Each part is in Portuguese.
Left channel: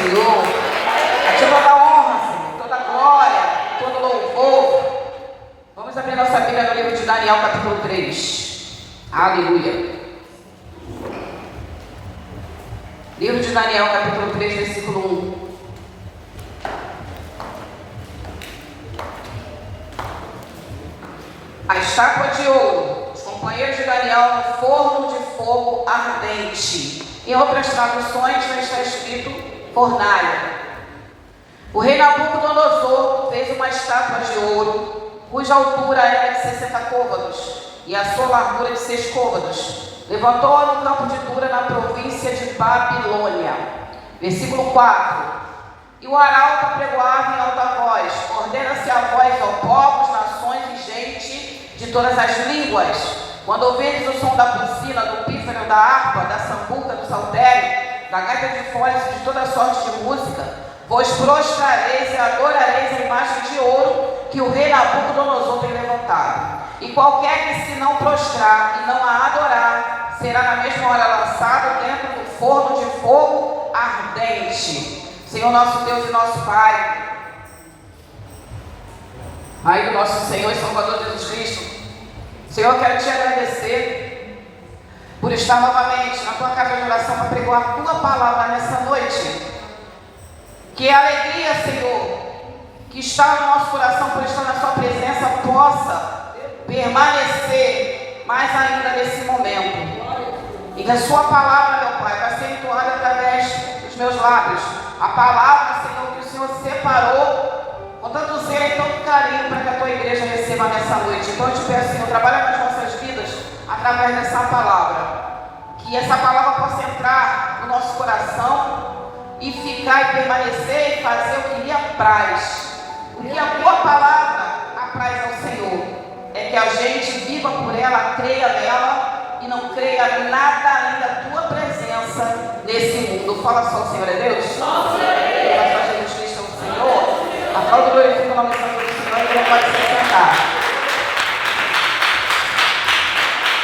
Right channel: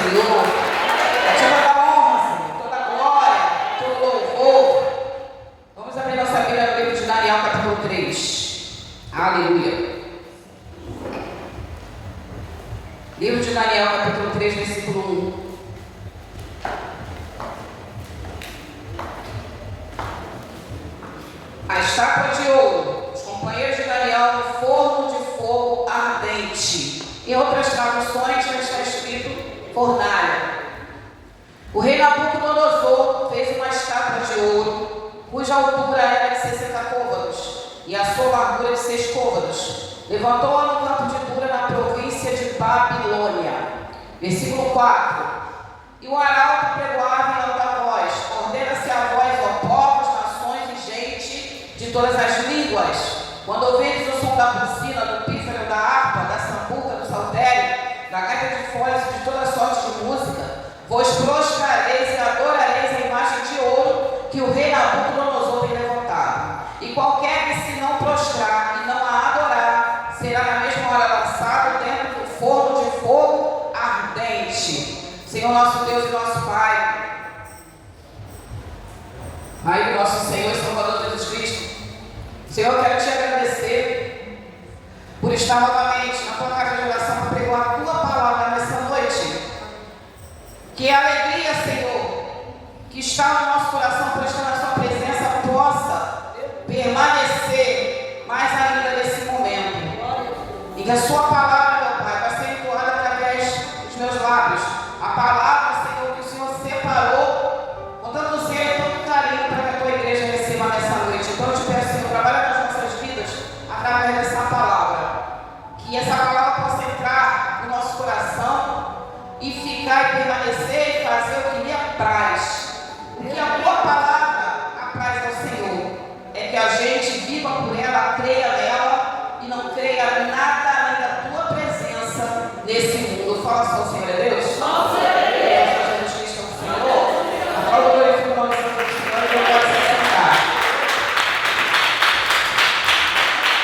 Senhor. A ti toda honra, Senhor, toda glória, todo louvor. Vamos abrir nossa Bíblia no livro de Daniel, capítulo 3. Aleluia. Livro de Daniel, capítulo 3, versículo 1. A estátua de ouro, os companheiros de Daniel no forno de fogo ardente. Em outras traduções está escrito fornalha. O rei Nabucodonosor fez uma estátua de ouro, cuja altura era de 60 côvados e a sua largura de 6 côvados. Levantou-a no campo de Dura, na província de Babilônia. Versículo 4. E o arauto apregoava em alta voz: ordena-se a vós, ó povos, nações e gente de todas as línguas, quando ouvirdes o som da buzina, do pífaro, da harpa, da sambuca, do saltério, da gaita de foles e de toda sorte de música, vos prostrareis e adorareis a imagem de ouro que o rei Nabucodonosor tem levantado. E qualquer que se não prostrar e não a adorar, será na mesma hora lançado dentro do forno de fogo ardente. Senhor nosso Deus e nosso Pai, Pai do nosso Senhor e Salvador Jesus Cristo, Senhor, eu quero te agradecer por estar novamente na tua casa de oração para pregar a tua palavra nessa noite. Que a alegria, Senhor, que está no nosso coração por estar na sua presença, possa permanecer mais ainda nesse momento. E que a sua palavra, meu Pai, vai ser entoada através dos meus lábios. A palavra, Senhor, que o Senhor separou com tanto zelo e tanto carinho para que a tua igreja receba nessa noite. Então eu te peço, Senhor, trabalha nas nossas vidas através dessa palavra. Que essa palavra possa entrar no nosso coração e ficar e permanecer e fazer o que lhe apraz. O que a tua palavra apraz ao Senhor é que a gente viva por ela, creia nela e não creia nada além da tua presença nesse mundo. Fala só, o Senhor é Deus? Jesus Cristo é o Senhor. Aplauda o glorifico o nome do Senhor e não pode se sentar.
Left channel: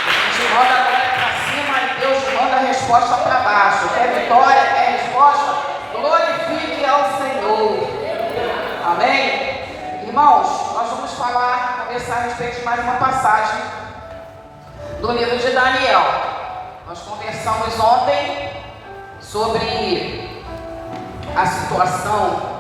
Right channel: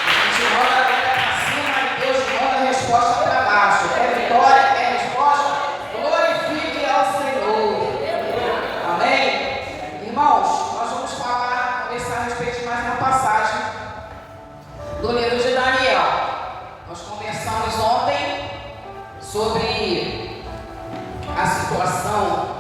A gente manda a glória para cima e Deus manda a resposta para baixo. Quer vitória, quer resposta? Glorifique ao Senhor. Amém? Irmãos, nós vamos conversar a respeito de mais uma passagem do livro de Daniel. Nós conversamos ontem sobre a situação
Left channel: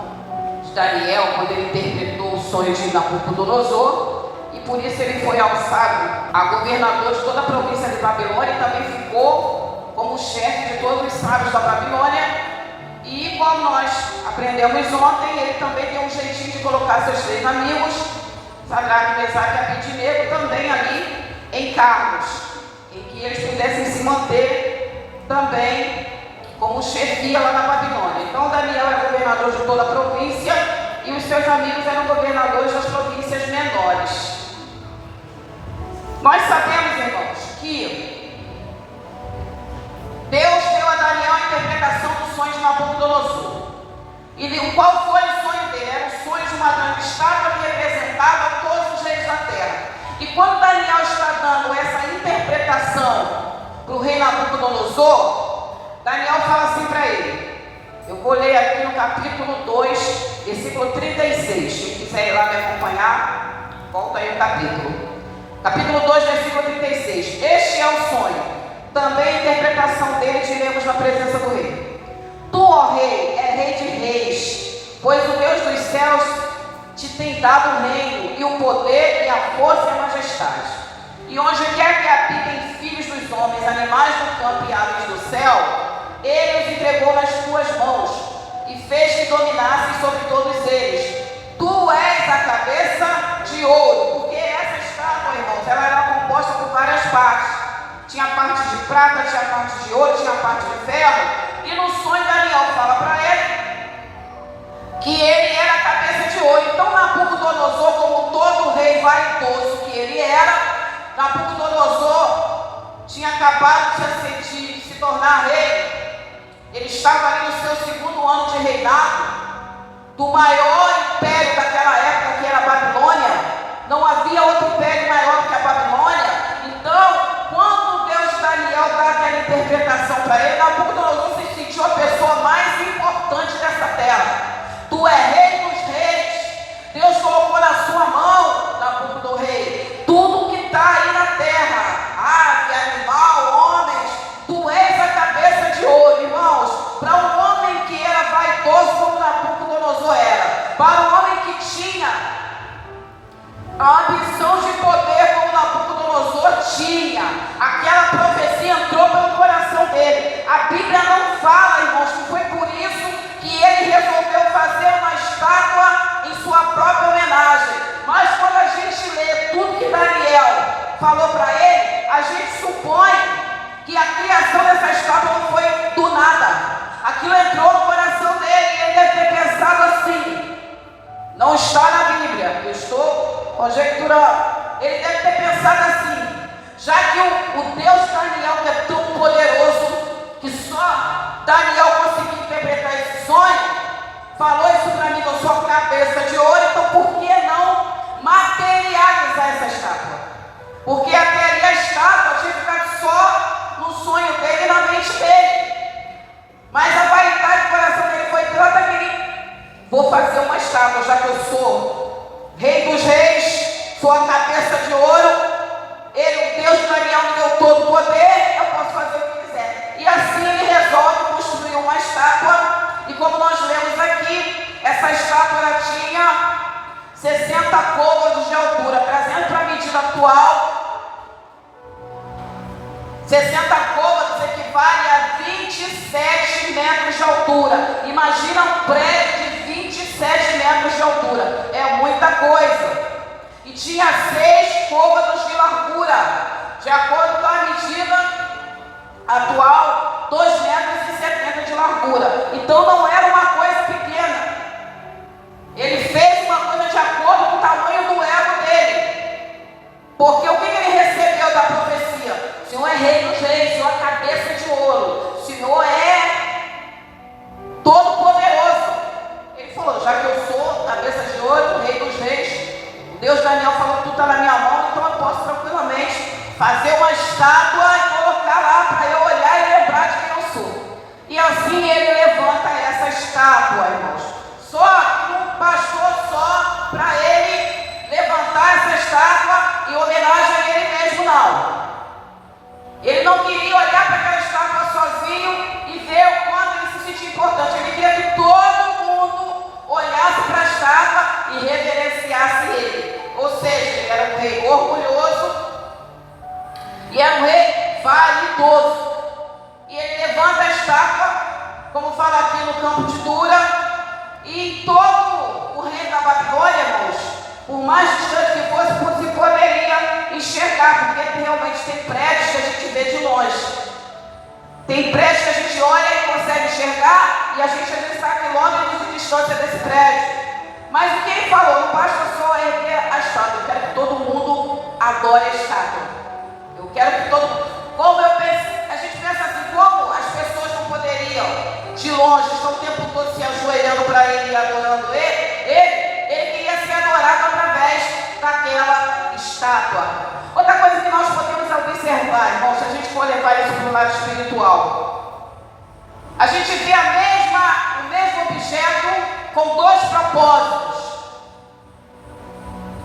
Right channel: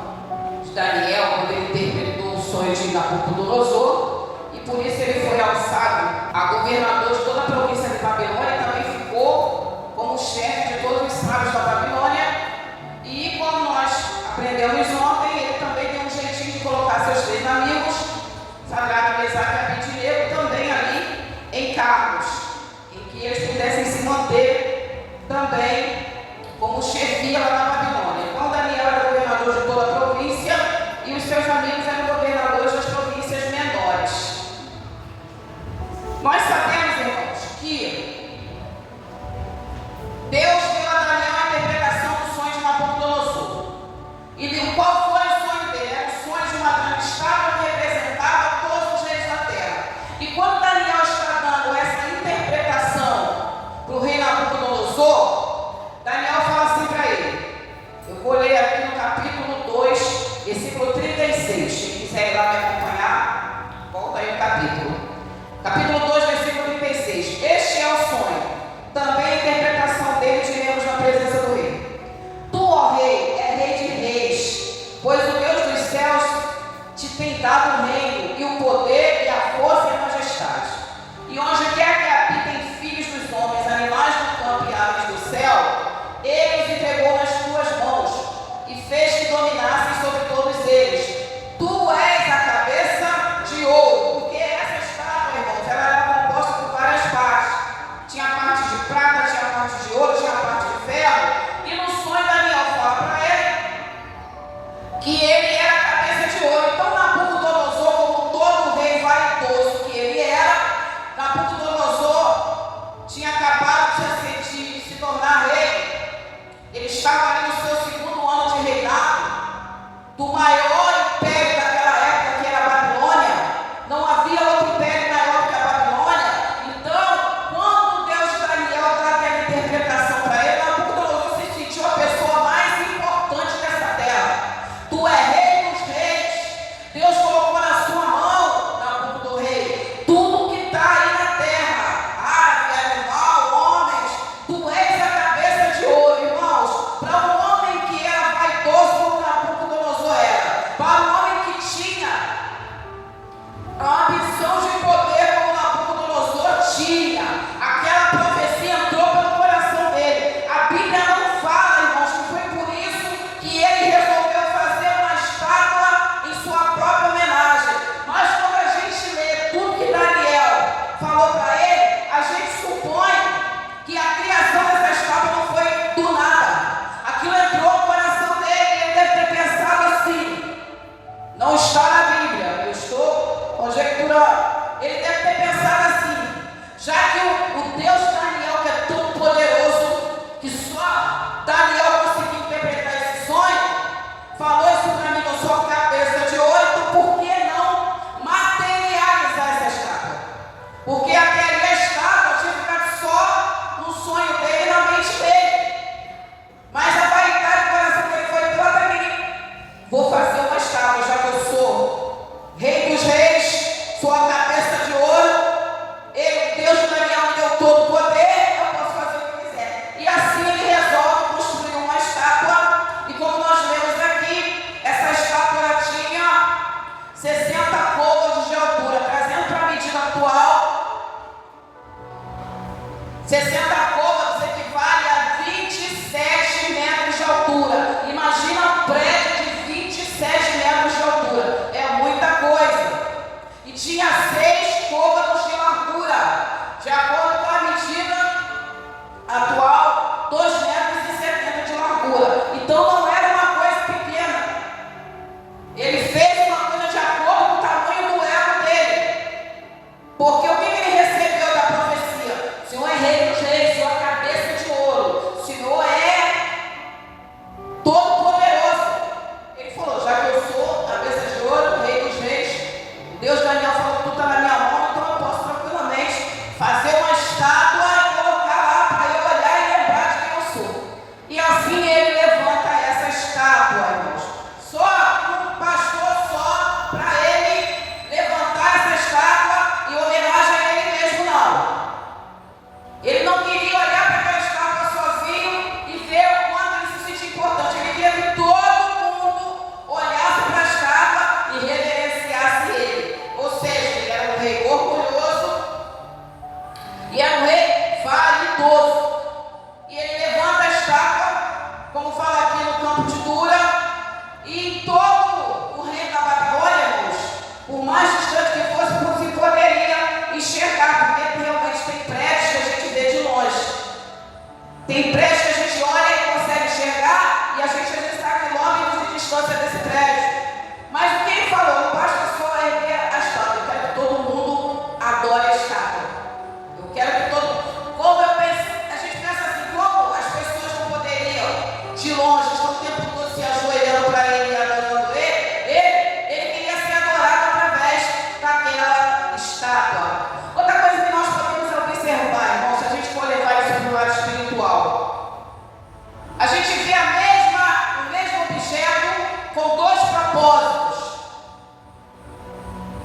de Daniel, quando ele interpretou o sonho de Nabucodonosor, e por isso ele foi alçado a governador de toda a província de Babilônia e também ficou como chefe de todos os sábios da Babilônia. E como nós aprendemos ontem, ele também deu um jeitinho de colocar seus 3 amigos, Sadraque, Mesaque e Abednego, também ali em cargos, em que eles pudessem se manter também como chefia lá na Babilônia. Então Daniel era governador de toda a província e os seus amigos eram governadores das províncias menores. Nós sabemos, irmãos, que Deus deu a Daniel a interpretação do sonho de Nabucodonosor. E qual foi o sonho dele? Era o sonho de uma grande estátua que representava todos os reis da terra. E quando Daniel está dando essa interpretação para o rei Nabucodonosor, Daniel fala assim para ele. Eu vou ler aqui no capítulo 2, versículo 36. Quem quiser ir lá me acompanhar, volta aí o capítulo. Capítulo 2, versículo 36. Este é o sonho. Também a interpretação dele diremos na presença do rei. Tu, ó rei, é rei de reis, pois o Deus dos céus te tem dado o reino, e o poder, e a força e a majestade. E onde quer que habitem filhos dos homens, animais do campo e aves do céu, ele os entregou nas tuas mãos, e fez que dominassem sobre todos eles. Tu és a cabeça de ouro, porque essa estátua, irmãos, ela era composta por várias partes. Tinha parte de prata, tinha parte de ouro, tinha parte de ferro. E no sonho Daniel fala para ele que ele era a cabeça de ouro. Então Nabucodonosor, como todo rei vaidoso que ele era, Nabucodonosor tinha acabado de se tornar rei. Ele estava ali no seu 2º ano de reinado do maior império daquela época, que era a Babilônia. Não havia outro império maior que a Babilônia. Então, quando Deus de Daniel dá aquela interpretação para ele, Nabucodonosor se sentiu a pessoa mais importante dessa conjecturando. Ele deve ter pensado assim: já que o Deus de Daniel, que é tão poderoso, que só Daniel conseguiu interpretar esse sonho, falou isso para mim, que eu sou cabeça de ouro, então por que não materializar essa estátua? Porque até ali a estátua tinha ficado só no sonho dele e na mente dele. Mas a vaidade do coração dele foi tanta que vou fazer uma estátua, já que eu sou rei dos reis, sou a cabeça de ouro. Ele, o Deus de Daniel, me deu todo o poder, eu posso fazer o que quiser. E assim ele resolve construir uma estátua. E como nós lemos aqui, essa estátua ela tinha 60 côvados de altura, trazendo para a medida atual. 60 côvados equivale a 27 metros de altura. Imagina um prédio de 27 metros de altura. É muita coisa. E tinha 6 côvados de largura. De acordo com a medida atual, 2,70 metros de largura. Então não era uma coisa pequena. Ele fez uma coisa de acordo com o tamanho do ego dele. Porque o que ele recebeu da profecia? O Senhor é rei dos reis, o Senhor é cabeça de ouro, o Senhor é todo poderoso. Ele falou: já que eu sou cabeça de ouro, rei dos reis, Deus Daniel falou que tudo está na minha mão, então eu posso tranquilamente fazer uma estátua e colocar lá para eu olhar e lembrar de quem eu sou. E assim ele levanta essa estátua, irmãos. Só que não bastou só para ele levantar essa estátua em homenagem a ele mesmo, não. Ele não queria olhar para aquela estátua sozinho e ver o quanto ele se sentia importante. Ele queria que todo mundo olhasse para a estátua e reverenciasse ele. Ou seja, ele era um rei orgulhoso e era um rei vaidoso. E ele levanta a estátua, como fala aqui no campo de Dura, e em todo o reino da Babilônia, irmãos, por mais distante que fosse, se poderia enxergar, porque realmente tem prédios que a gente vê de longe. Tem prédios que a gente olha e consegue enxergar, e a gente às vezes está a quilômetros de distância desse prédio. Mas o que ele falou? Não basta só erguer a estátua. Eu quero que todo mundo adore a estátua. Eu quero que todo mundo... Como eu penso, a gente pensa assim, como as pessoas não poderiam, de longe, estão o tempo todo se ajoelhando para ele e adorando ele queria ser adorado através daquela estátua. Outra coisa que nós podemos observar, irmãos, se a gente for levar isso para o lado espiritual, a gente vê o mesmo objeto com 2 propósitos.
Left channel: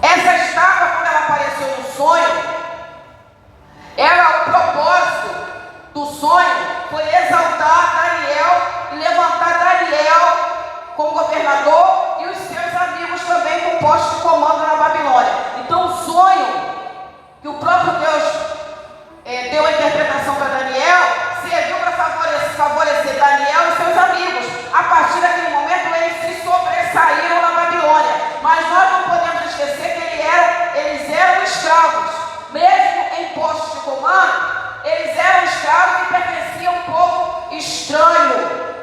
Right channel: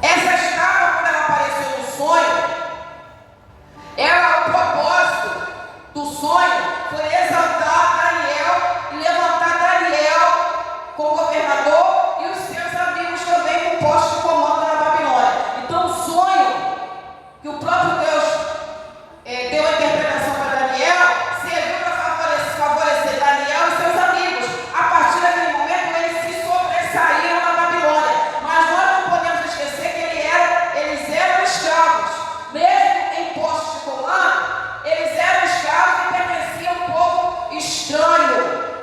Essa estátua, quando ela apareceu no sonho, o propósito do sonho foi exaltar Daniel e levantar Daniel como governador e os seus amigos também com posto de comando na Babilônia. Então o sonho que o próprio Deus deu a interpretação para Daniel serviu para favorecer Daniel e seus amigos. A partir daquele momento eles se sobressaíram na Babilônia. Mas nós não podemos esquecer que eles eram escravos. Mesmo em postos de comando, eles eram escravos e pertenciam a um povo estranho.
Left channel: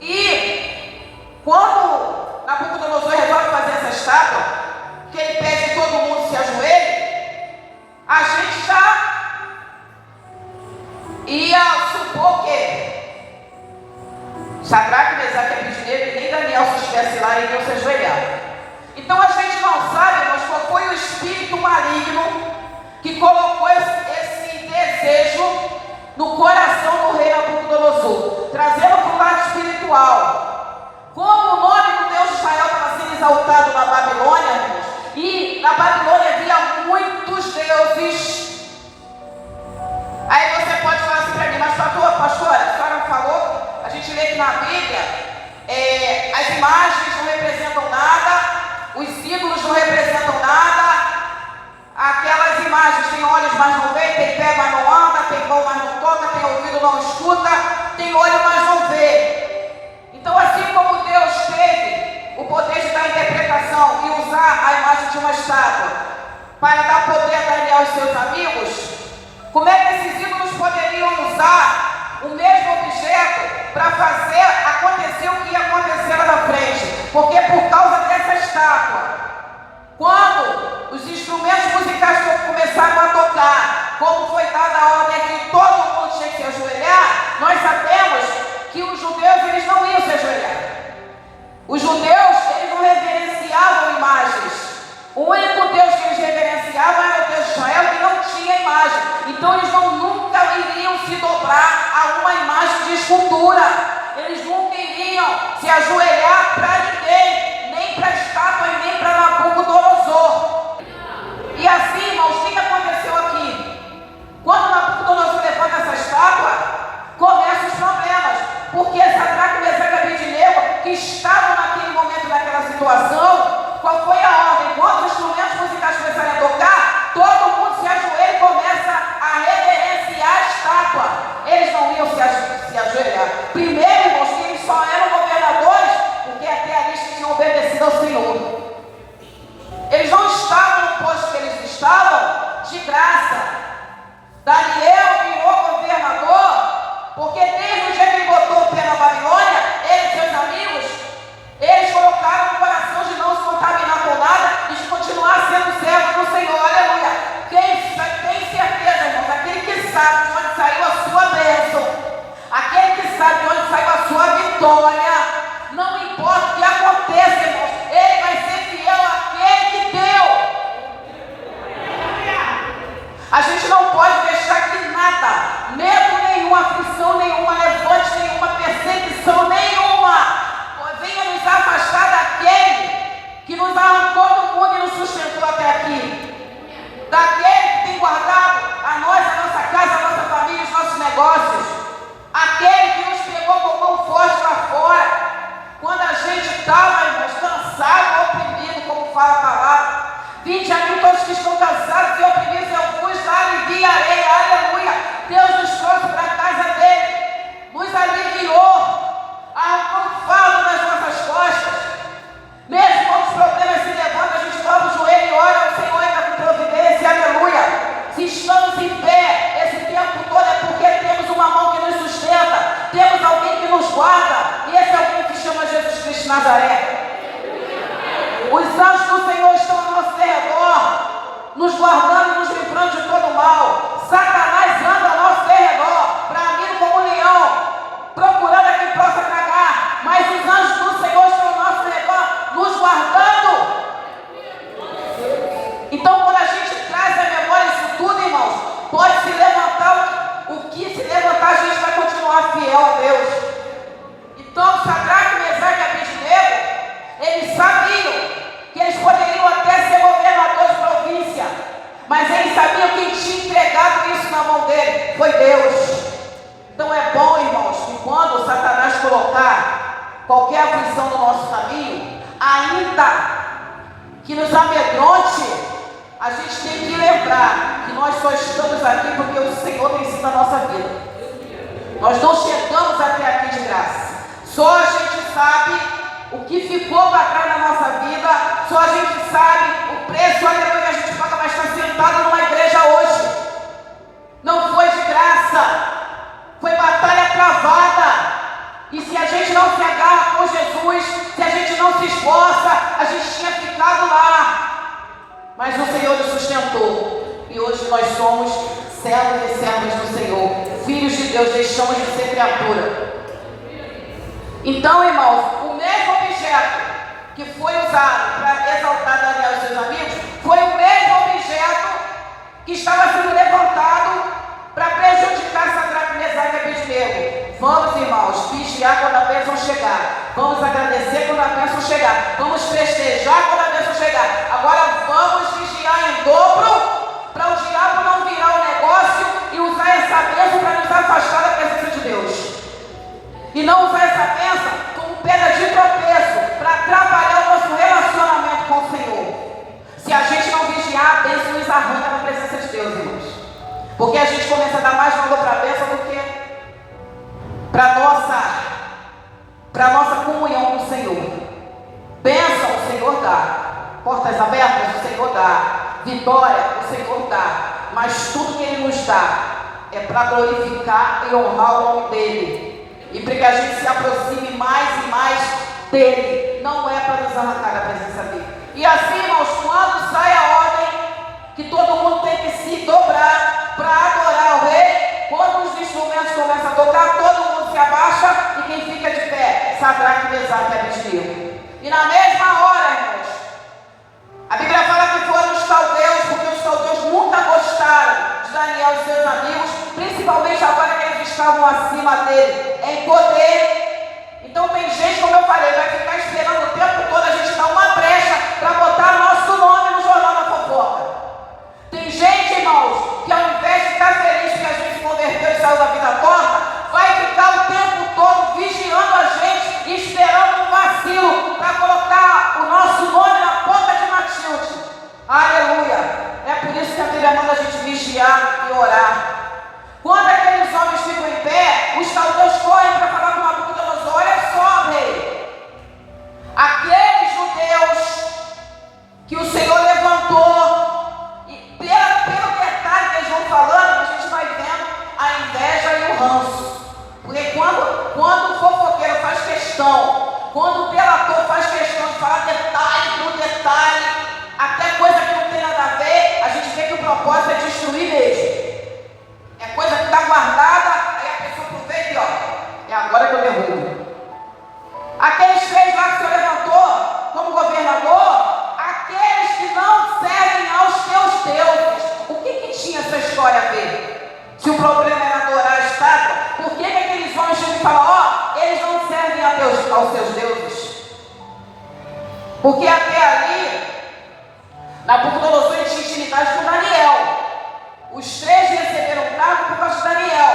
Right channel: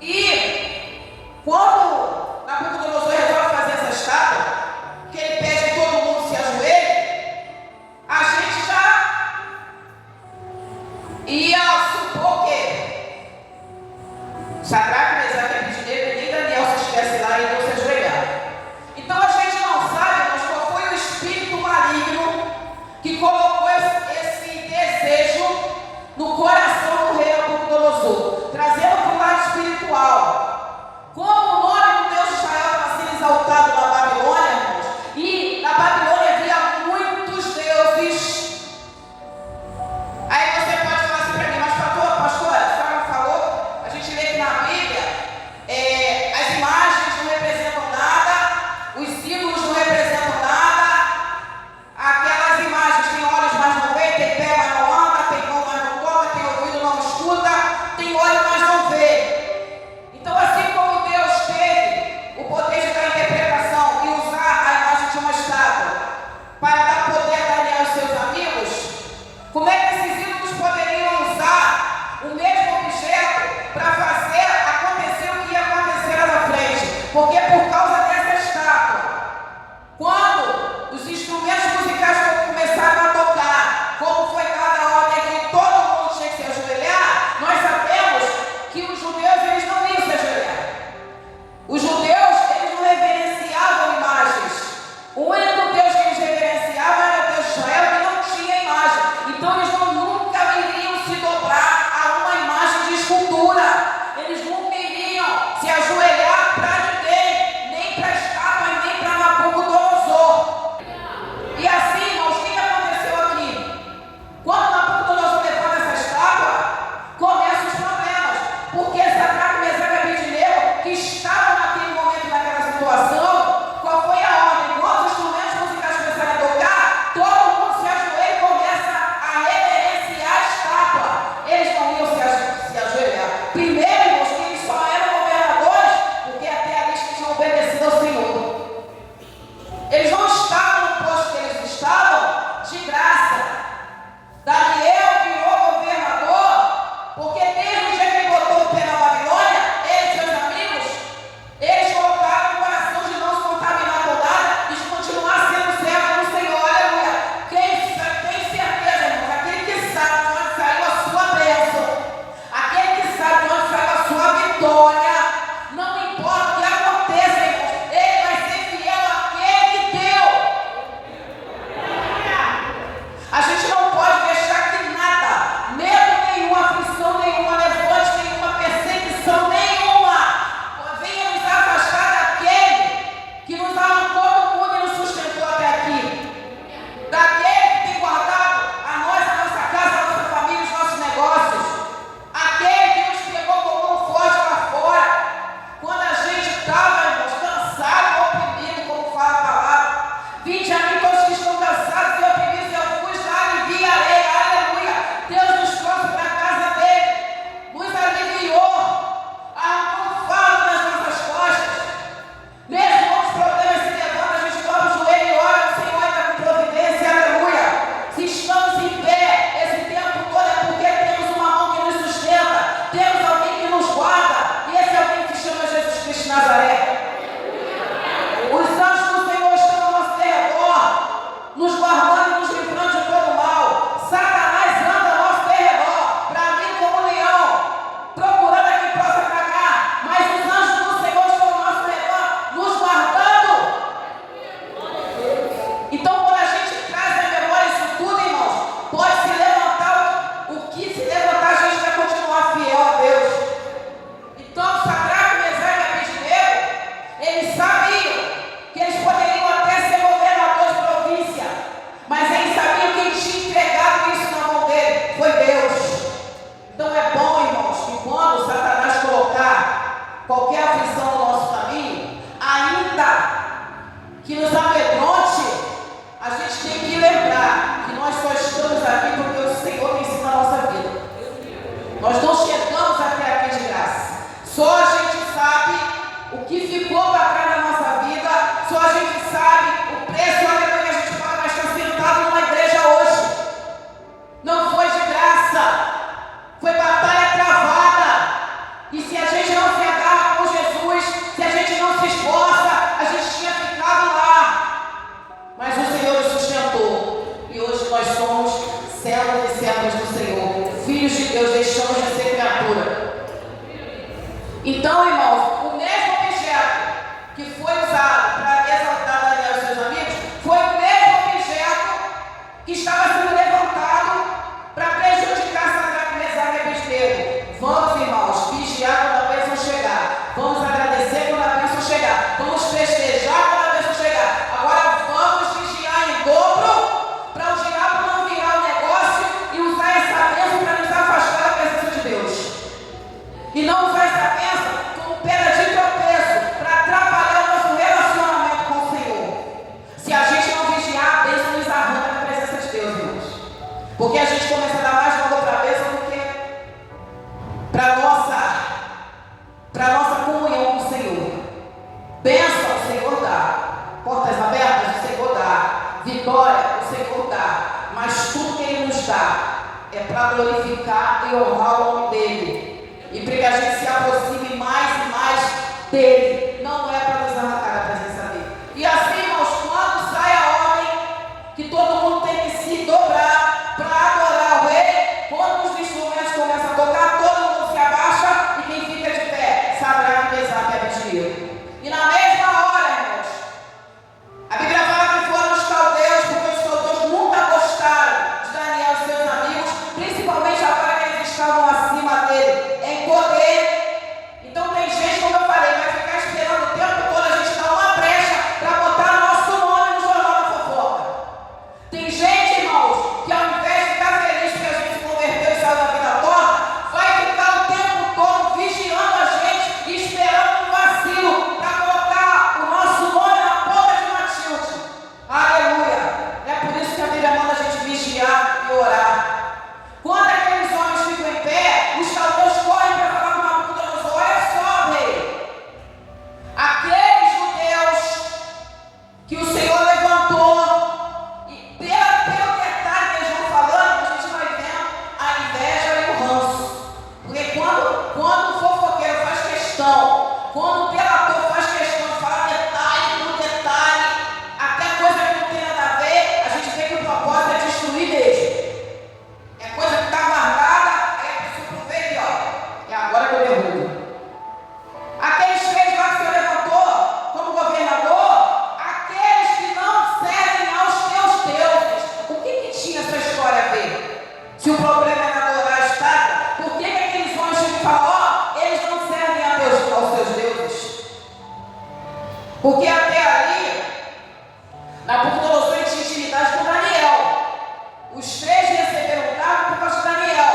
E quando Nabucodonosor resolve fazer essa estátua, que ele pede que todo mundo se ajoelhe, a gente já ia supor que Sadraque, Mesaque e Abednego e nem Daniel, se estivesse lá, iriam se ajoelhar. Então a gente não sabe, mas qual foi o espírito maligno que colocou esse desejo no coração do rei Nabucodonosor, trazendo para o lado espiritual. Como o nome do Deus de Israel estava sendo exaltado na Babilônia, irmãos, e na Babilônia havia muitos deuses. Aí você pode falar assim para mim: mas pastora, a senhora não falou? A gente lê que na Bíblia as imagens não representam nada, os ídolos não representam nada. Aquelas imagens têm olhos, mas não veem, tem pé, mas não anda, tem mão, mas não toca, tem ouvido, não escuta, tem olho, mas não vê. Então, assim como Deus teve o poder de dar interpretação e usar a imagem de uma estátua para dar poder a Daniel e seus amigos, como é que esses ídolos poderiam usar o mesmo objeto para fazer acontecer o que ia acontecer lá na frente? Porque por causa dessa estátua, quando vitória. Não importa o que aconteça, irmãos, Ele vai ser fiel àquele que deu. A gente não pode deixar que nada, medo nenhum, aflição nenhuma, levante nenhuma, perseguição nenhuma, venha nos afastar daquele que nos arrancou do mundo e nos sustentou até aqui. Daquele que tem guardado a nós, a nossa casa, a nossa família, os nossos negócios. Aquele que nos pegou com mão forte lá fora. Quando a gente estava, irmãos, cansado, oprimido, como fala a palavra. Vinde a mim todos que estão cansados e oprimidos, eu vos aliviarei. Aleluia. Deus nos trouxe para a casa dele. Nos aliviou. Arrancou um fardo das nossas costas. Mesmo quando os problemas se levantam, a gente dobra o joelho e ora, o Senhor está com providência. Aleluia. Se estamos em pé esse tempo todo é porque temos uma mão que nos sustenta. Temos alguém que nos guarda. E esse alguém que chama Jesus Cristo de Nazaré. Os anjos do Senhor estão ao nosso derredor, nos guardando e nos livrando de todo o mal. Satanás anda ao nosso derredor, bramindo como um leão, procurando a quem possa tragar. Mas os anjos do Senhor estão ao nosso redor, nos guardando. Então, quando a gente traz à memória isso tudo, irmãos, pode se levantar o que se levantar, a gente vai continuar fiel a Deus. Então, Sadraque, Mesaque e Abednego, eles sabiam que eles poderiam até ser governadores de província, mas eles sabiam que quem tinha entregado isso na mão dele foi Deus. Então é bom, irmãos, que quando Satanás colocar qualquer aflição no nosso caminho, ainda que nos amedronte, a gente tem que lembrar que nós só estamos aqui porque o Senhor tem sido a nossa vida. Nós não chegamos até aqui de graça. Só a gente sabe o que ficou para trás na nossa vida, só a gente sabe o preço que a gente paga, mas está sentado numa igreja hoje. Não foi de graça, foi batalha travada. E se a gente não se agarra com Jesus, se a gente não se esforça, a gente tinha ficado lá. Mas o Senhor nos sustentou. E hoje nós somos servos e servas do Senhor, filhos de Deus, deixamos de ser criatura. Então, irmãos, o mesmo objeto que foi usado para exaltar Daniel e seus amigos, foi o mesmo objeto que estava sendo levantado para prejudicar Sadraque, Mesaque e Abednego. Vamos, irmãos, vigiar quando a bênção chegar. Vamos agradecer quando a bênção chegar. Vamos festejar quando a bênção chegar. Agora vamos vigiar em dobro para o diabo não virar o negócio e usar essa bênção para nos afastar da presença de Deus. E não usar essa bênção como pedra de tropeço para atrapalhar o nosso relacionamento com o Senhor. Se a gente não vigiar, a bênção nos arranca da presença de Deus, irmãos. Porque a gente começa a dar mais valor para a bênção do que para a nossa comunhão com o Senhor. Bênção o Senhor dá. Portas abertas o Senhor dá. Vitória o Senhor dá. Mas tudo que Ele nos dá é para glorificar e honrar o nome dEle. E para que a gente se aproxime mais e mais dEle. Não é para nos arrancar da presença dEle. E assim, irmãos, quando sai a ordem que todo mundo tem que se dobrar para adorar o Rei, quando os instrumentos começam a tocar, todo mundo se abaixa e quem fica de pé? Sadraque, Mesaque e Abednego. E na mesma hora, irmãos, a Bíblia fala que foram os caldeus, porque os caldeus nunca gostaram de Daniel e seus amigos, principalmente agora que eles estavam acima dele em poder. Então tem gente, como eu falei, vai ficar esperando o tempo todo a gente dar uma brecha para botar o nosso nome no jornal da fofoca. Tem gente, irmãos, que ao invés de ficar feliz que a gente se converteu e saiu da vida torta, vai ficar o tempo todo vigiando a gente e esperando um vacilo para colocar o nosso nome na ponta de Matilde. Aleluia! É por isso que a Bíblia manda a gente vigiar e orar. Quando aqueles homens ficam em pé, os caldeus correm para falar com Nabucodonosor: olha só, rei, aqueles judeus que o Senhor levantou, e pelo detalhe que eles vão falando, a gente vai vendo a inveja e o ranço. Porque quando o fofoqueiro faz questão, quando o delator faz questão de falar detalhe por detalhe, até coisa que não tem nada a ver, a gente vê que o propósito é destruir mesmo. É coisa que está guardada, aí a pessoa aproveita e olha, é agora que eu derrubo. aos seus deuses. Porque até ali, Nabucodonosor tinha intimidade com Daniel. Os três receberam o cargo por causa de Daniel.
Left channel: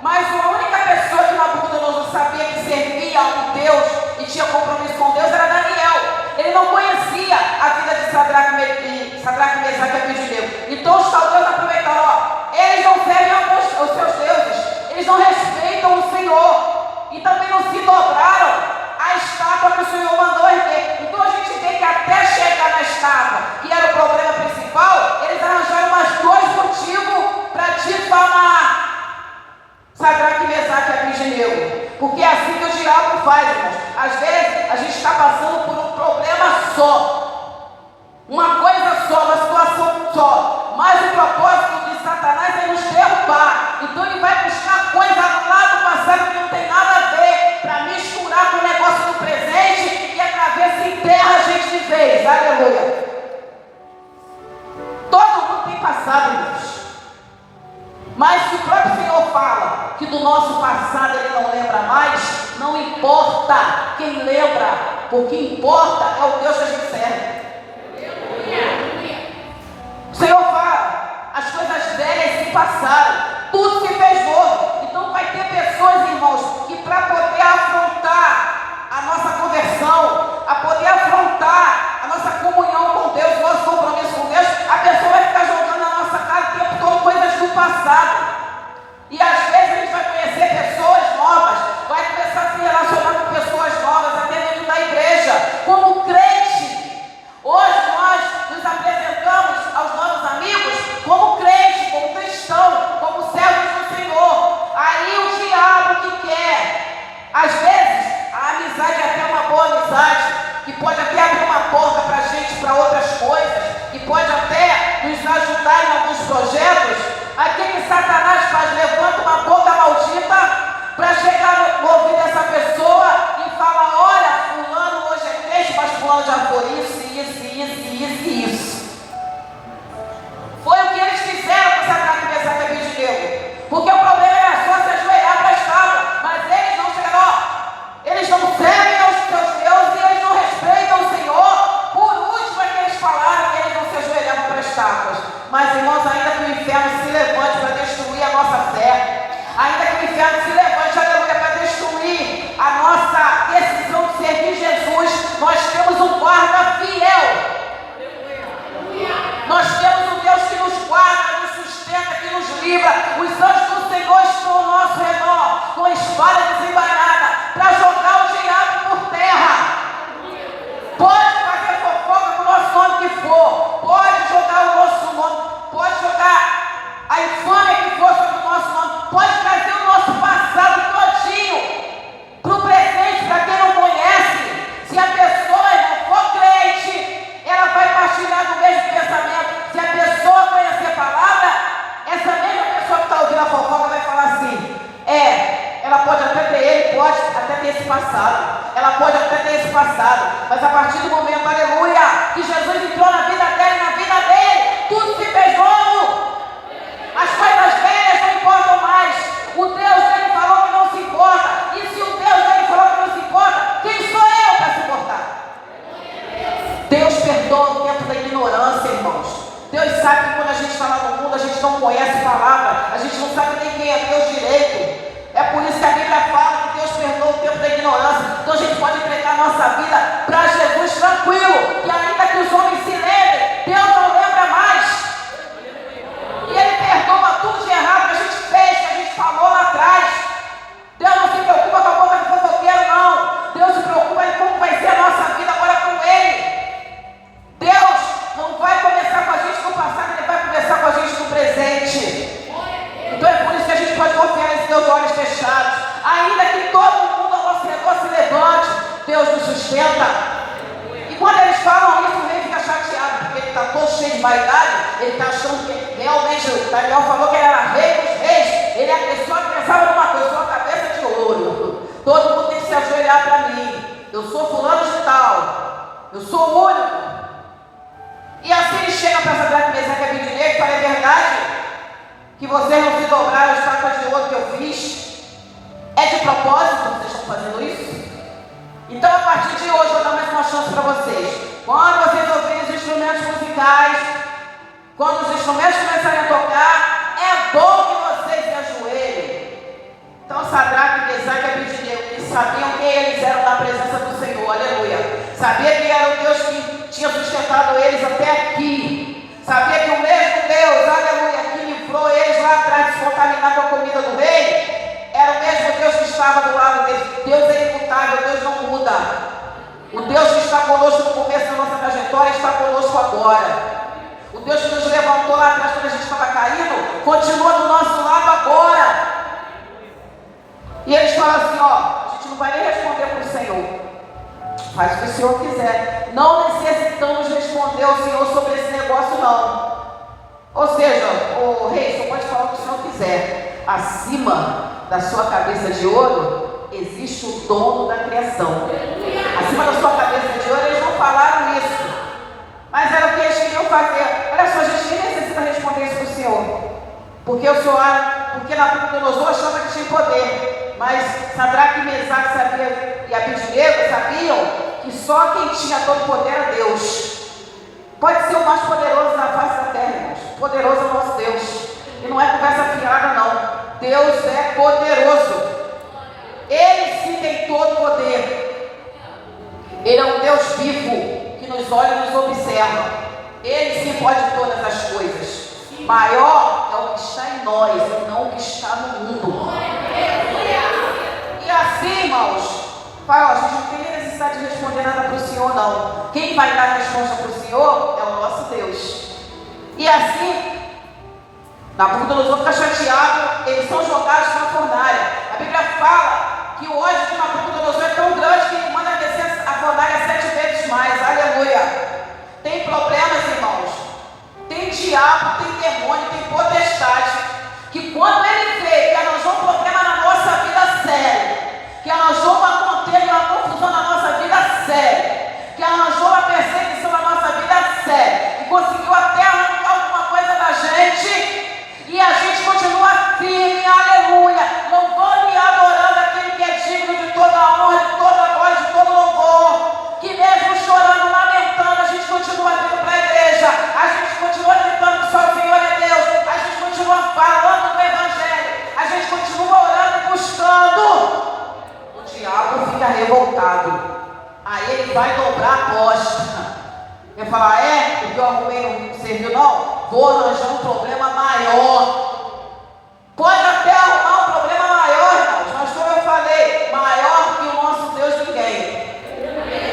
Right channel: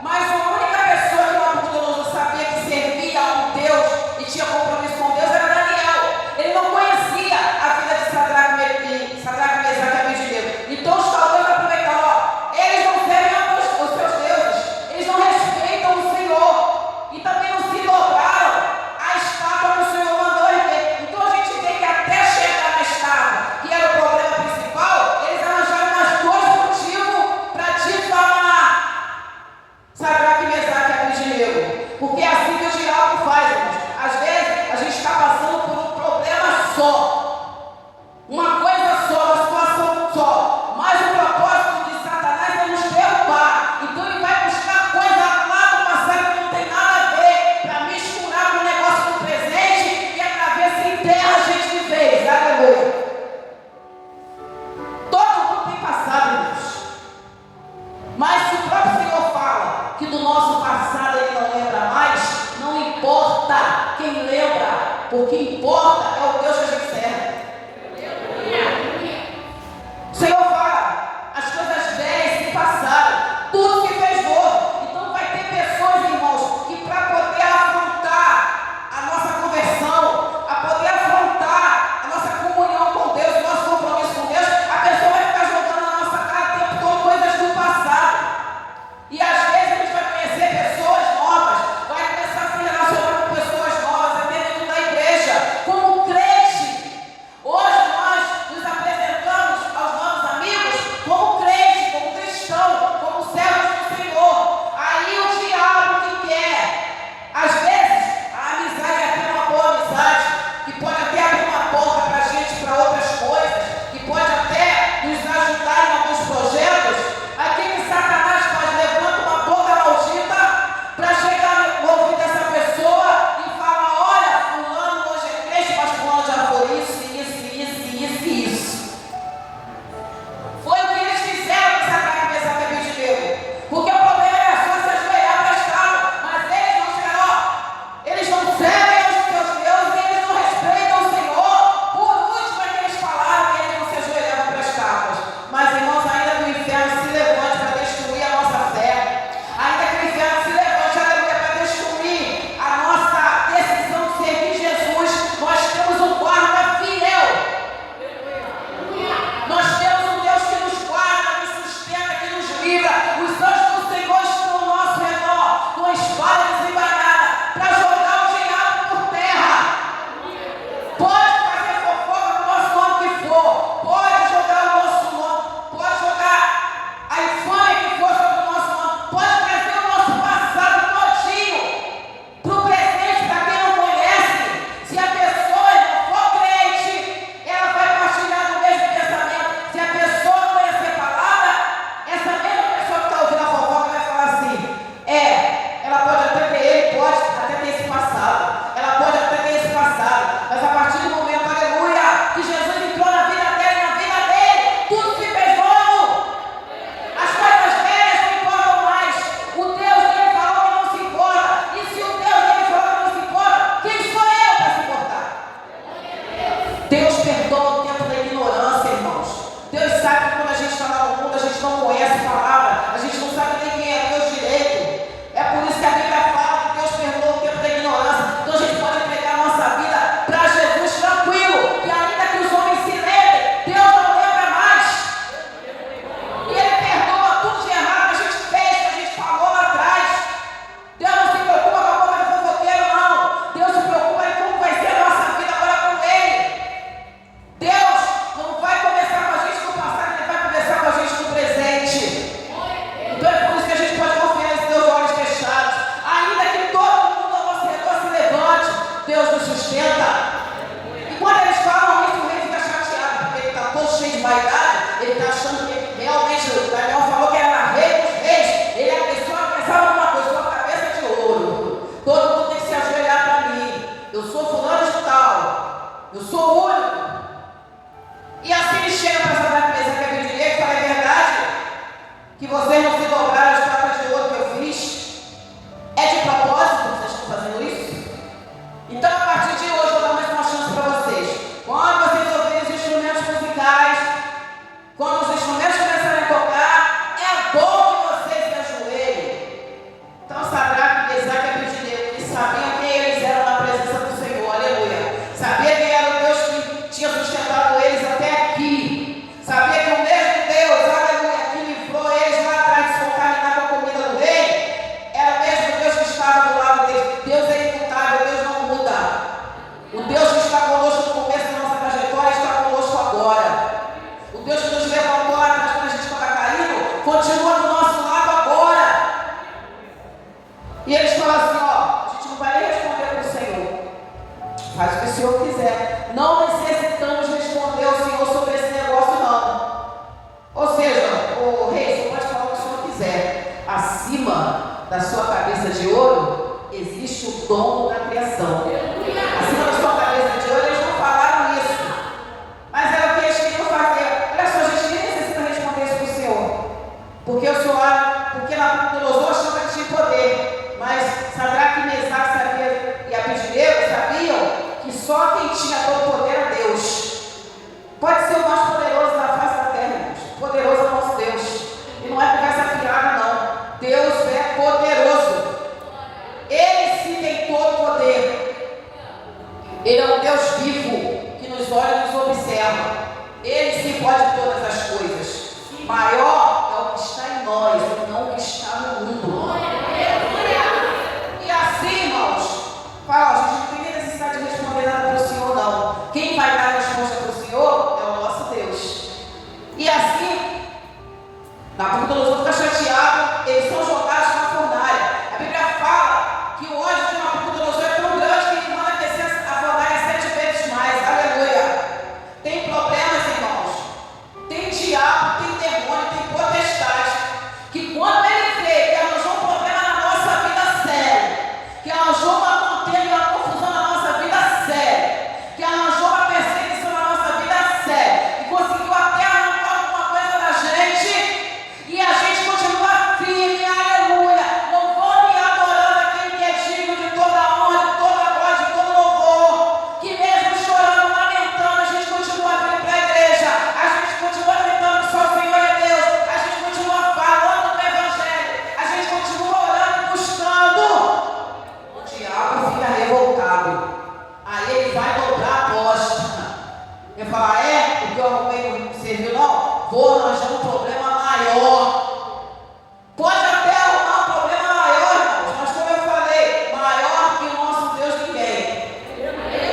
Mas a única pessoa que Nabucodonosor sabia que servia a um Deus e tinha compromisso com Deus era Daniel. Ele não conhecia a vida de Sadraque, Mesaque e Abednego. Então os caldeus aproveitaram, eles não servem aos seus deuses, eles não respeitam o Senhor e também não se dobraram à estátua que o Senhor mandou erguer. Então a gente vê que até chegar na estátua, que era o problema principal, eles arranjaram mais dois motivos para difamar Sadraque, Mesaque e Abednego. Porque é assim que o diabo faz, irmãos. Às vezes a gente está passando por um problema só, uma coisa só, uma situação só, mas o propósito de Satanás é nos derrubar. Então ele vai buscar coisa lá do passado que não tem nada a ver, para misturar com o negócio do presente e através enterra a gente de vez. Aleluia. Todo mundo tem passado, irmãos. Mas se o próprio Senhor fala que do nosso passado Ele não lembra mais, não importa quem lembra, porque importa é o Deus que a gente serve. O Senhor fala, as coisas velhas se passaram, tudo se fez novo. Então vai ter pessoas, irmãos, que para poder afrontar a nossa conversão, a poder afrontar a nossa comunhão com Deus, o nosso compromisso com Deus, a pessoa vai ficar jogando na nossa cara o tempo todo coisas do passado. E às vezes a gente vai conhecer pessoas novas, vai começar a se relacionar com pessoas novas, até dentro da igreja, como crente. Hoje nós nos apresentamos aos nossos amigos como crente, como cristão, como servos do Senhor. Aí o diabo que quer, às vezes, a amizade é até uma boa amizade, que pode até abrir uma porta para a gente, para outras coisas, que pode até nos ajudar em alguns projetos. Aqui que Satanás faz, levanta uma boca maldita para chegar no ouvido dessa pessoa e falar, olha, fulano hoje é crente, mas fulano já foi isso. Foi o que eles fizeram com Sadraque, Mesaque e Abednego. Porque o problema era só se ajoelhar para a estátua, mas eles não chegaram, eles não servem aos seus deuses e eles não respeitam o Senhor. Por último é que eles falaram que eles não se ajoelhavam para as estátuas. Mas, irmãos, ainda que o inferno se levante para destruir a nossa fé, ainda que o inferno se levante, aleluia, para destruir a nossa decisão de servir Jesus, nós temos um guarda fiel. Nós temos um Deus que nos guarda, nos sustenta, que nos livra. Os anjos do Senhor estão ao nosso redor, com espada desembainada, para jogar o diabo por terra. Pode fazer fofoca com o nosso nome que for, pode jogar o nosso nome, pode jogar a infâmia que for sobre o nosso nome, pode trazer o nosso passado todinho para o presente, para quem não conhece. Se a pessoa não for crente, ela vai partilhar do mesmo pensamento. Se a pessoa conhecer a palavra, essa mesma pessoa que está ouvindo a fofoca vai falar assim, ela pode até ter, ele pode até ter esse passado, ela pode até ter esse passado, mas a partir do momento, aleluia, que Jesus entrou na vida dela e na vida dele, tudo se fez novo. As coisas velhas não importam mais. O Deus dele falou que não se importa, e se o Deus dele falou que não se importa, quem sou eu para se importar? Deus perdoa o tempo da ignorância, irmãos. Deus sabe que quando a gente está lá no mundo, a gente não conhece a palavra, a gente não sabe nem quem é Deus direito. É por isso que a Bíblia fala que Deus perdoa o tempo da ignorância. Então a gente pode entregar a nossa vida para Jesus tranquilo, que ainda que os homens se lembrem, Deus não lembra mais. E Ele perdoa tudo de errado que a gente fez, que a gente falou lá atrás. Deus não se preocupa com a boca do fofoqueiro, não. Deus se preocupa em como vai ser a nossa vida agora com Ele. Deus não vai começar com a gente no passado, Ele vai começar com a gente no presente. Então é por isso que a gente pode confiar nesse Deus de olhos fechados. Ainda que todo mundo ao nosso redor se levante, Deus nos sustenta. E quando eles falam isso, o rei fica chateado, porque ele está todo cheio de vaidade. Ele está achando que realmente o Daniel falou que ele era rei dos reis. Ele é a pessoa que pensava numa coisa, sua cabeça de ouro. Todo mundo tem que se ajoelhar para mim. Eu sou fulano de tal. Eu sou o único. E assim ele chega para Sadraque, Mesaque e Abednego e fala, é verdade que vocês não se dobraram as estátuas de ouro que eu fiz? É de propósito que vocês estão fazendo isso? Então, a partir de hoje, eu vou dar mais uma chance para vocês. Quando vocês ouvirem os instrumentos musicais, quando os instrumentos começarem a tocar, é bom que vocês se ajoelhem. Então, Sadraque, Mesaque e Abednego, que sabiam quem eles eram na presença do Senhor, aleluia. Sabia que era o Deus que tinha sustentado eles até aqui. Sabia que o mesmo Deus, aleluia, que livrou eles lá atrás de se contaminar com a comida do rei, era o mesmo Deus que estava do lado deles. Deus é imutável, Deus não muda. O Deus que está conosco no começo da nossa trajetória está conosco agora. O Deus que nos levantou lá atrás quando a gente estava caindo, continua do nosso lado agora. E eles falam assim, ó, a gente não vai nem responder para o Senhor. Faz o que o Senhor quiser. Não necessitamos responder ao Senhor sobre esse negócio, não. Ou seja, o rei só pode falar o que o Senhor quiser. Acima da sua cabeça de ouro, existe o dono da criação. Acima da sua cabeça de ouro, eles não falaram isso. Mas era o que eles queriam fazer. Olha só, a gente nem necessita responder isso para o Senhor. Porque o Senhor, porque Nabucodonosor achava que tinha poder. Mas Sadraque, Mesaque e Abednego sabiam que só quem tinha todo poder era Deus. Pode ser o mais poderoso da face da terra, irmãos. Poderoso é o nosso Deus. E não é conversa fiada, não. Deus é poderoso. Ele sim tem todo poder. Ele é um Deus vivo que nos olha e nos observa. Ele sim pode todas as coisas. Maior é o que está em nós, e não o que está no mundo. E assim, irmãos, fala, a gente não tem nem necessidade de responder nada para o Senhor, não. Quem vai dar a resposta para o Senhor é o nosso Deus. E assim, Nabucodonosor fica chateado, eles são jogados na fornalha. A Bíblia fala que o ódio de Nabucodonosor é tão grande que ele manda descer a fornalha 7 vezes mais. Aleluia. Tem problemas, irmãos. Tem diabo, tem demônio, tem potestade. Que quando ele vê que arranjou um problema na nossa vida sério, que arranjou uma contenda e uma confusão na nossa vida séria, que arranjou uma perseguição na nossa vida séria, e conseguiu até arrancar alguma coisa da gente, e a gente continua firme, aleluia, louvando e adorando aquele que é digno de toda a honra, de toda a glória, de todo louvor, que mesmo chorando, lamentando, a gente continua vindo para a igreja, a gente continua gritando que só o Senhor é Deus, a gente continua falando do Evangelho, a gente continua orando e buscando. O diabo fica revoltado. Aí ele vai dobrar a aposta. Vai falar, o que eu arrumei não serviu não? Vou arranjar um problema maior. Pode até arrumar um problema maior, irmãos, mas como eu falei, maior que o nosso Deus ninguém.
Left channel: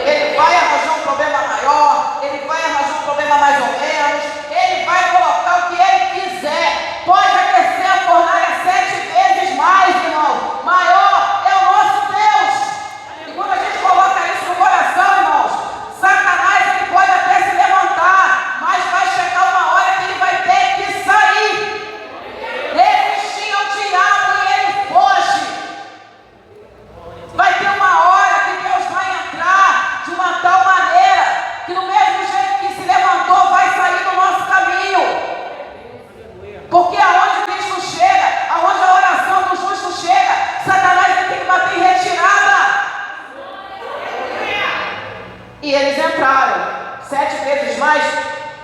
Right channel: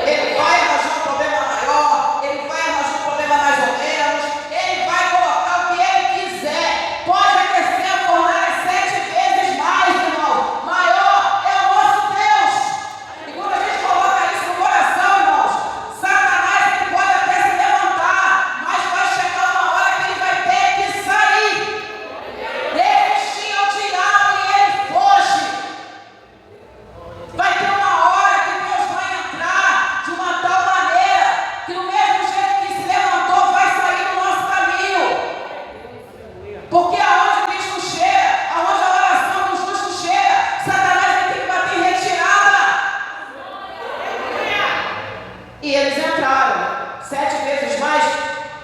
Ele vai arranjar um problema maior, ele vai arranjar um problema mais ou menos, ele vai colocar o que ele quiser. Pode aquecer a fornalha 7 vezes mais, irmão. Maior é o nosso Deus. E quando a gente coloca isso no coração, irmãos, Satanás ele pode até se levantar, mas vai chegar uma hora que ele vai ter que sair. Resistir ao diabo e ele foge. Vai ter uma hora que Deus vai entrar de uma tal maneira que no mesmo jeito que se levantou vai sair do nosso caminho. Porque aonde Cristo chega, aonde a oração do justo chega, Satanás vai ter que bater em retirada. E eles entraram 7 vezes mais.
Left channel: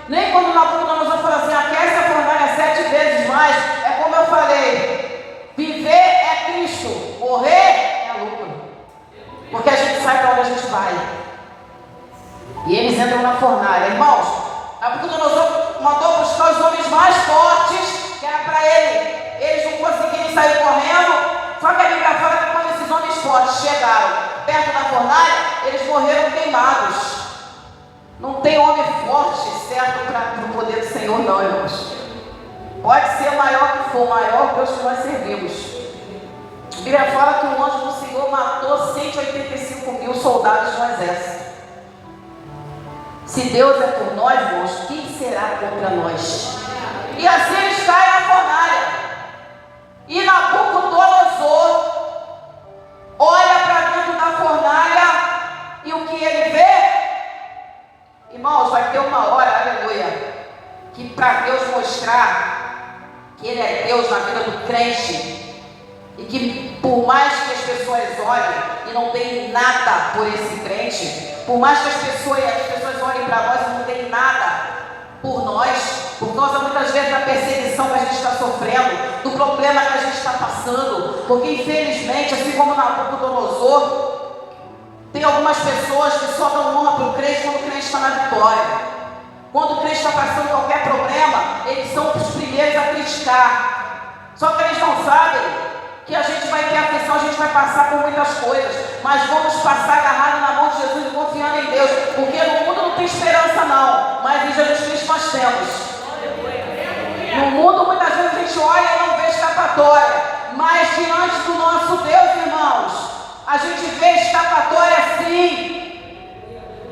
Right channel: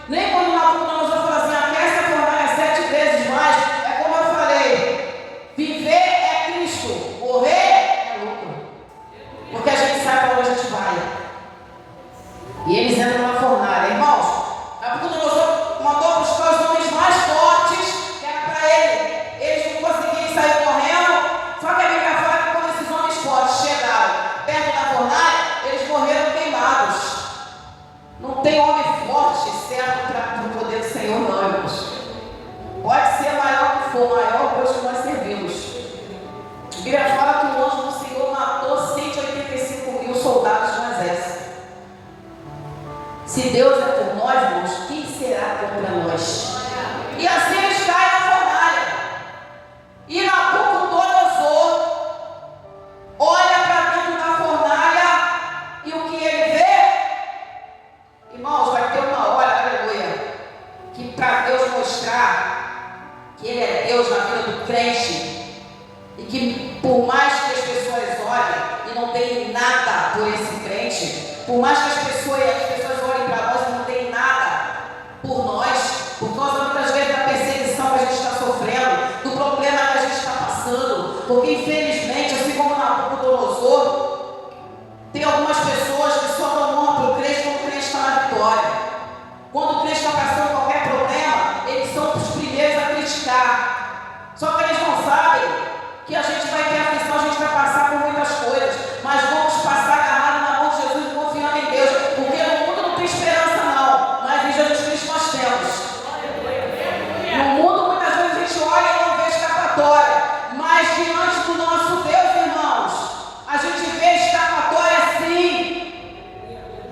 Nem quando Nabucodonosor falou assim, aquece a fornalha 7 vezes mais, é como eu falei, viver é Cristo, morrer é lucro. Porque a gente sabe para onde a gente vai. E eles entram na fornalha. Irmãos, Nabucodonosor mandou buscar os homens mais fortes, que era para ele. Eles não conseguiram sair correndo. Só que a Bíblia fala que quando esses homens fortes chegaram perto da fornalha, eles morreram queimados. Não tem homem forte certo para o poder do Senhor, não, irmãos. Pode ser maior que for, maior Deus que nós servimos. A Bíblia fala que o anjo do Senhor matou 185 mil soldados no exército. Se Deus é por nós, irmãos, quem será contra nós? E assim eles caem na fornalha. E Nabucodonosor olha para dentro da fornalha e o que ele vê? Irmãos, vai ter uma hora, aleluia, que para Deus mostrar que Ele é Deus na vida do crente, e que por mais que as pessoas olhem e não deem nada por esse crente, por mais que as pessoas olhem para nós e não deem nada por nós, por causa muitas vezes da perseguição que a gente está sofrendo, do problema que a gente está passando, porque infelizmente, assim como Nabucodonosor, tem algumas pessoas que só dão honra para o crente quando o crente está na vitória. Quando o crente está passando qualquer problema, eles são os primeiros a criticar. Só que eles não sabem que a gente vai ter aflição, a gente vai passar por muitas coisas, mas vamos passar agarrado na mão de Jesus e confiando em Deus, porque no mundo não tem esperança não, mas em Jesus Cristo nós temos. No mundo muitas vezes a gente olha e não vê escapatória, mas diante do nosso Deus, irmãos, a gente vê escapatória sim.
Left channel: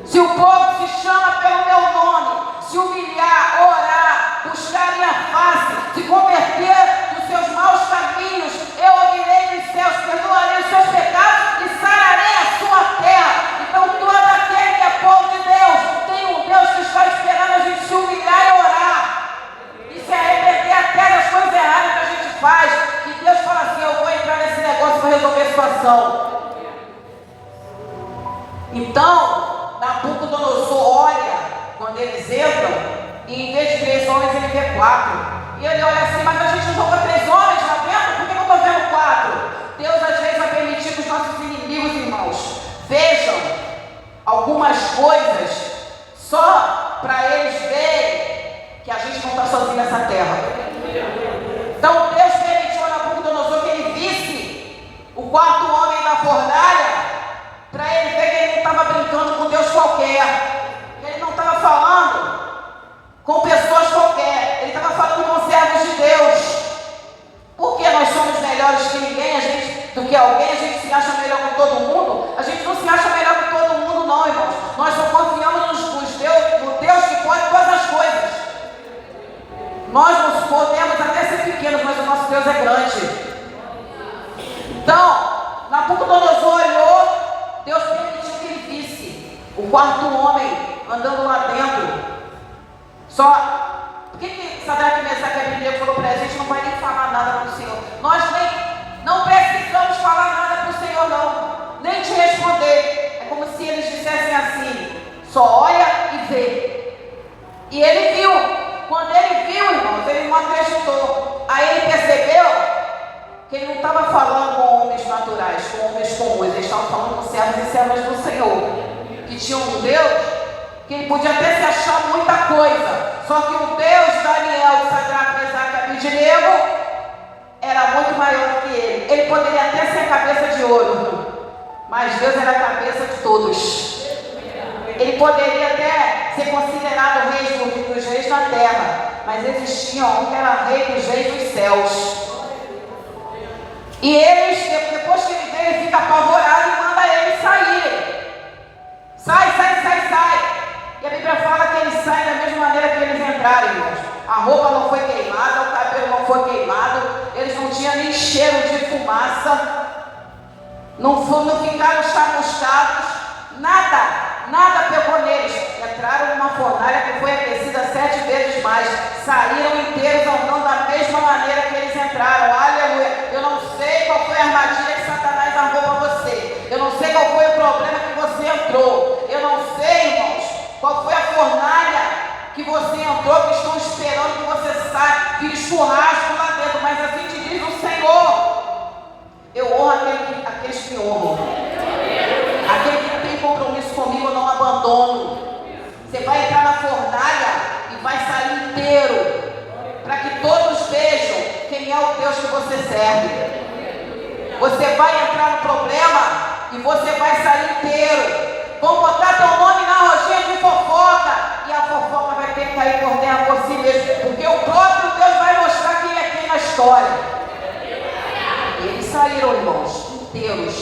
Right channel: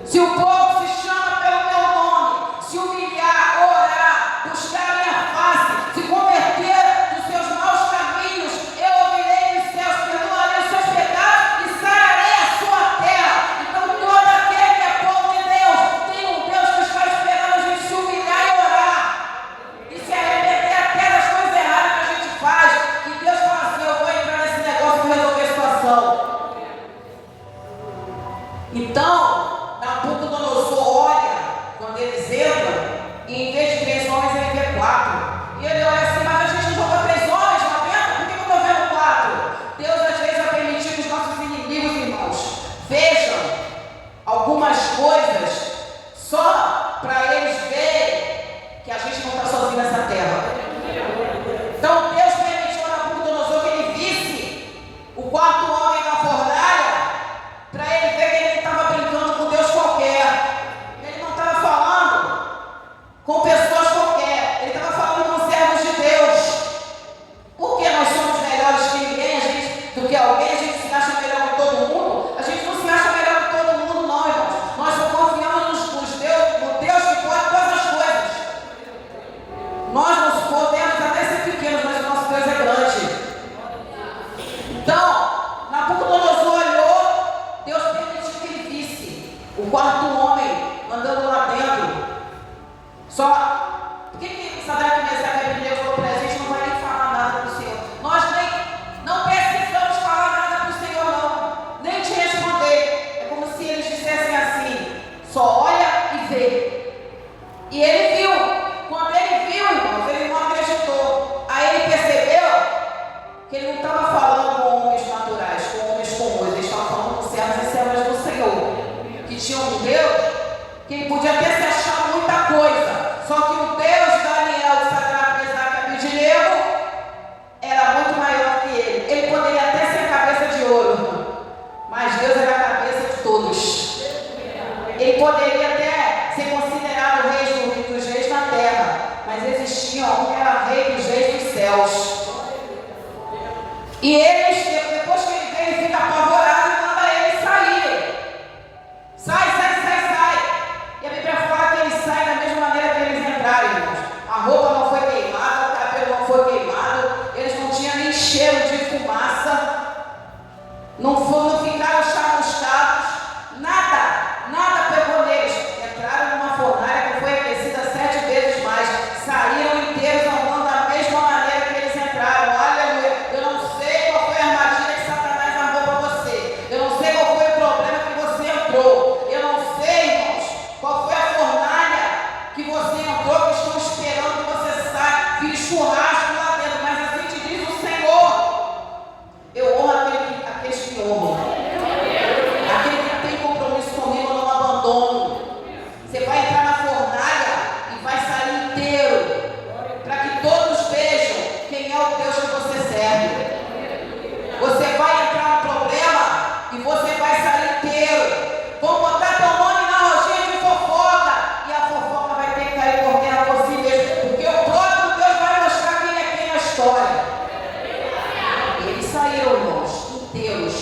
Se o povo se chama pelo meu nome, se humilhar, orar, buscar a minha face, se converter dos seus maus caminhos, eu ouvirei dos céus, perdoarei os seus pecados e sararei a sua terra. Então todo aquele que é povo de Deus, tem um Deus que está esperando a gente se humilhar e orar, e se arrepender até das coisas erradas que a gente faz, que Deus fala assim, eu vou entrar nesse negócio para resolver a situação. Então, Nabucodonosor olha, quando eles entram, e em vez de 3 homens, ele vê 4. E ele olha assim, mas a gente não jogou 3 homens lá dentro? Por que eu estou vendo 4? Deus às vezes vai permitir que os nossos inimigos, irmãos, vejam algumas coisas só para eles verem que a gente não está sozinho nessa terra. Então Deus permitiu a Nabucodonosor que ele visse o 4º homem da fornalha, para ele ver que ele não estava brincando com Deus qualquer, ele não estava falando com pessoas qualquer, ele estava falando com servos de Deus. Porque nós somos melhores que ninguém, do que alguém, a gente se acha melhor que todo mundo? A gente não se acha melhor que todo mundo não, irmãos. Nós só confiamos no Deus que pode todas as coisas. Nós não podemos até ser pequenos, mas o nosso Deus é grande. Então, Nabucodonosor olhou, Deus permitiu que ele visse o 4º homem andando lá dentro. Só, por que Sadraque, Mesaque e Abednego falou para a gente, não vai nem falar nada para o Senhor? Nós não precisamos falar nada para o Senhor não, nem te responder. É como se eles dissessem assim, só olha e vê. E ele viu. Quando ele viu, irmãos, ele não acreditou. Aí ele percebeu que ele não estava falando com homens naturais, com homens comuns, ele estava falando com servos e servas do Senhor, que tinham um Deus que ele podia até se achar muita coisa, só que o Deus de Daniel, de Sadraque, Mesaque e Abednego era muito maior que ele. Ele poderia até ser a cabeça de ouro, mas Deus era a cabeça de todos. Ele poderia até ser considerado o rei dos reis na terra, mas existia um que era rei dos reis dos céus. E eles, depois que ele vem, ele fica apavorado e manda eles saírem. Sai. E a Bíblia fala que eles saem da mesma maneira que eles entraram, irmãos. A roupa não foi queimada, o cabelo não foi queimado, eles não tinham nem cheiro de fumaça, não ficaram chamuscados, nada pegou neles. Entraram numa fornalha que foi aquecida 7 vezes mais, saíram inteiros andando da mesma maneira que eles entraram. Aleluia! Eu não sei qual foi a armadilha que Satanás armou para você, eu não sei qual foi o problema que você entrou, eu não sei, irmãos, qual foi a fornalha que você entrou, que estão esperando que você saia, que churrasco lá dentro, mas assim te diz o Senhor. Eu honro aqueles que me honram. Aquele que tem compromisso comigo, eu não abandono. Você vai entrar na fornalha e vai sair inteiro, para que todos vejam quem é o Deus que você serve. Você vai entrar no problema e você vai sair inteiro. Vão botar teu nome na roginha de fofoca, e a fofoca vai ter que cair por terra por si mesmo, porque o próprio Deus vai mostrar quem é quem na história. E eles saíram, irmãos, inteiros.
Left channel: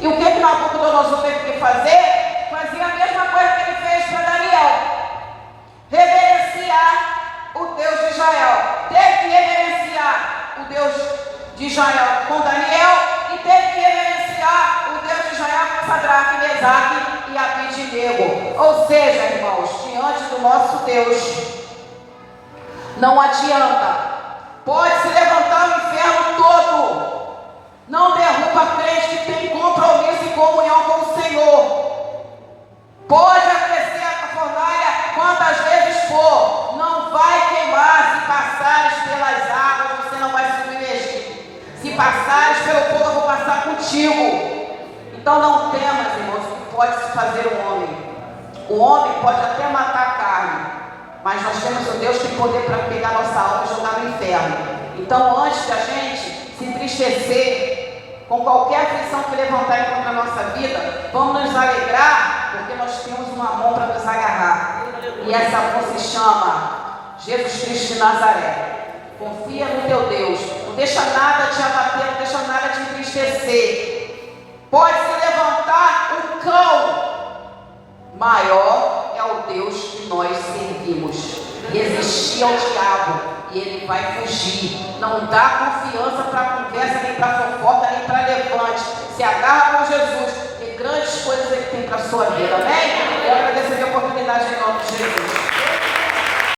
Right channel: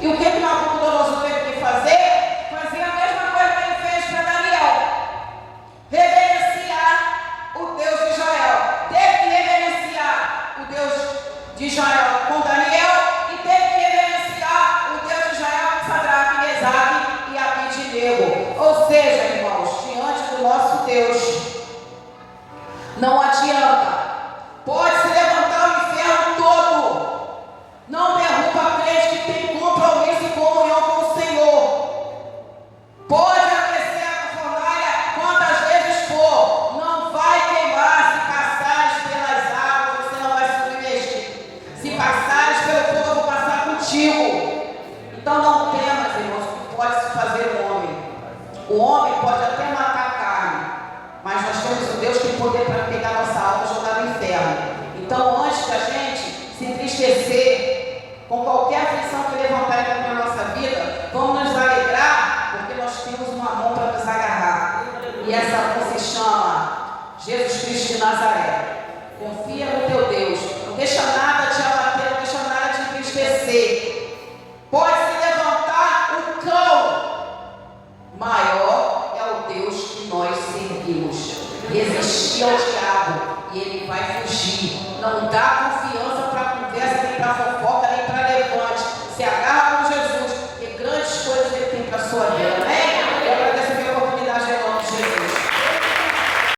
E o que Nabucodonosor teve que fazer? Fazia a mesma coisa que ele fez para Daniel: reverenciar o Deus de Israel. Teve que reverenciar o Deus de Israel com Daniel, e teve que reverenciar o Deus de Israel com Sadraque, Mesaque e Abednego. Ou seja, irmãos, diante do nosso Deus não adianta. Pode se levantar o inferno todo, não derruba crente que tem compromisso e comunhão com o Senhor. Pode aquecer a fornalha quantas vezes for, não vai queimar. Se passares pelas águas, você não vai se submergir. Se passares pelo fogo, eu vou passar contigo. Então não temas, irmãos, o que pode se fazer o homem. O homem pode até matar a carne, mas nós temos um Deus que tem poder para pegar nossa alma e jogar no inferno. Então, antes da gente se entristecer com qualquer aflição que levantarem contra a nossa vida, vamos nos alegrar, porque nós temos uma mão para nos agarrar. E essa mão se chama Jesus Cristo de Nazaré. Confia no teu Deus. Não deixa nada te abater, não deixa nada te entristecer. Pode se levantar o cão. Maior é o Deus que nós servimos. Resistir ao diabo e ele vai fugir. Não dá confiança para conversa, nem para fofoca, nem para levante. Se agarra com Jesus, porque grandes coisas ele tem para a sua vida. Amém?